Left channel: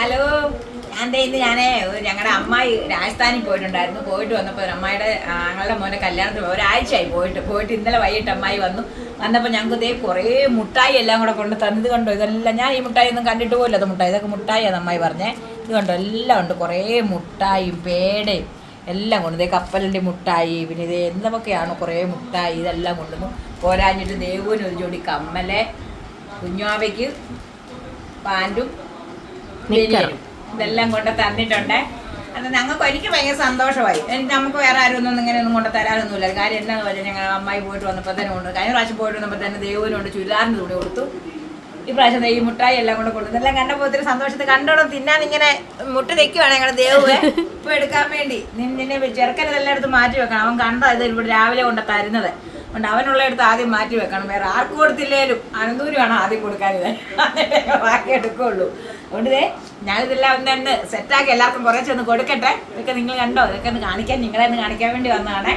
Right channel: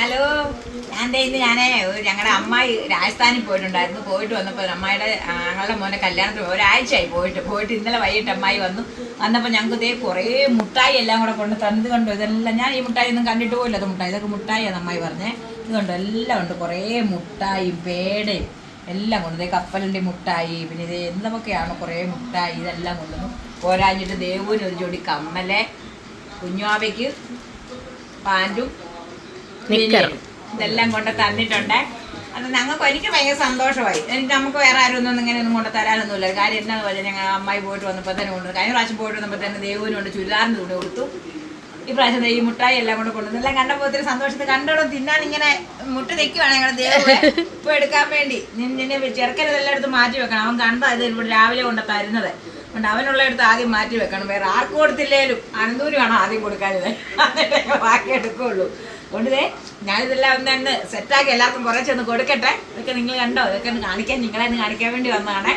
Hello ഞാൻ ഇന്ന് ഞാനേ ഞങ്ങളുടെ അമ്മായി രാജസ്ഥാനിൽ പോയിട്ടുണ്ടായിരുന്നു. പോയിട്ട് വന്നപ്പോൾ അമ്മായിയുടെ ഞങ്ങളുടെ മോനെ കല്യാണത്തിന്. ഒരാഴ്ചയായി പോയിട്ട്. പോയിട്ട് ഇന്നലെ വൈകിട്ട് അമ്മായി വന്നു. വന്നപ്പോൾ ഞങ്ങൾക്ക് ഇതേ കുറേ മുട്ടായി എല്ലാം കൂടെ കൊണ്ട് തന്നത് കണ്ടോ. ഇതെല്ലാം ഞാൻ ഈ മുട്ടായി ഒന്നും കണ്ടിട്ട് പോയില്ല. അത് മുട്ടായി. ഇതൊക്കെ മുട്ടായിയാണ് അമ്മായി പറഞ്ഞേ. ഇത് കണ്ടോ. എല്ലാം ഉണ്ട്. കുറേ മുട്ടായും പേടയും എല്ലാം കൊണ്ടു ഇതേ കപ്പലിന്റെ മുട്ടായി പിന്നെ ഇത് എന്തൊക്കെയാണ് കുറേ മുട്ടായി ഇതെല്ലാം കൊണ്ടുവന്നു. പോരാഞ്ഞിട്ട് ദേവൂന് ഒരു ജോഡി കമ്മലെ കുഞ്ഞാവയ്ക്ക് പാന്റും. ഇതെല്ലാം കൊണ്ട് തന്നിട്ടുണ്ട്. അത് ഞങ്ങൾക്ക് എനിക്ക് ഭയങ്കര സന്തോഷമായി. എനിക്ക് നമുക്ക് വേറെ ആരും ഒന്നും ഇങ്ങനെ ഒന്നും കൊണ്ട് തരാനൊന്നുമില്ല. കാര്യം എന്നാന്ന് പറഞ്ഞാൽ ഞങ്ങൾ അമ്മായി പോയിട്ട് വന്നപ്പോൾ തന്നെ കൊണ്ടു കഴിഞ്ഞ പ്രാവശ്യം പോയിട്ട് വന്നപ്പോൾ തന്നെ ദേവനുണ്ട് ചുരിദാറിന് കൂടെ കൊടുത്തു. ഈ പ്രാവശ്യം ഈ മുട്ടായി എല്ലാം കൂടെ കൊണ്ടു ഇതെല്ലാം കണ്ടപ്പോൾ ഒത്തിരി സന്തോഷത്തിൽ കണ്ടോളും തിന്നാൻ ഇങ്ങനെ മുട്ട തെക്കുവാണ് ഞങ്ങളുടെ ദേവ് ഇപ്പൊ എടുക്കാൻ വേണ്ടി. നിന്നെ ചെറുക്കൻ ഇതെല്ലാം എടുത്ത് മാറ്റി വെക്കണം. അവൻ കണ്ടത് ഇത് ഇവിടെ രാവിലെ കൊണ്ട് തരുന്നത്? അതുകൊണ്ട് അവനുള്ള എടുത്ത് ആദ്യം മാറ്റി വെക്കണം. വേറെ ആർക്കും കൊടുത്തില്ലേലും. അനന്തൂരുമാണ് ആദ്യം കൊടുക്കാനിത്. ബാക്കി എടുക്കുള്ളൂ. അതുകൊണ്ട് ദേ ഞാനിതെല്ലാം ഒന്ന് ഒന്ന് സെറ്റാക്കി എല്ലാവർക്കും കുറച്ചൊന്ന് കൊടുക്കട്ടെ. ഇതൊക്കെ നിങ്ങൾ കണ്ടോ? ഇതൊക്കെ ഒന്ന് കാണിക്കാൻ നിങ്ങളെ ഒന്ന് കാണിക്കാൻ വേണ്ടി വന്നതാണേ.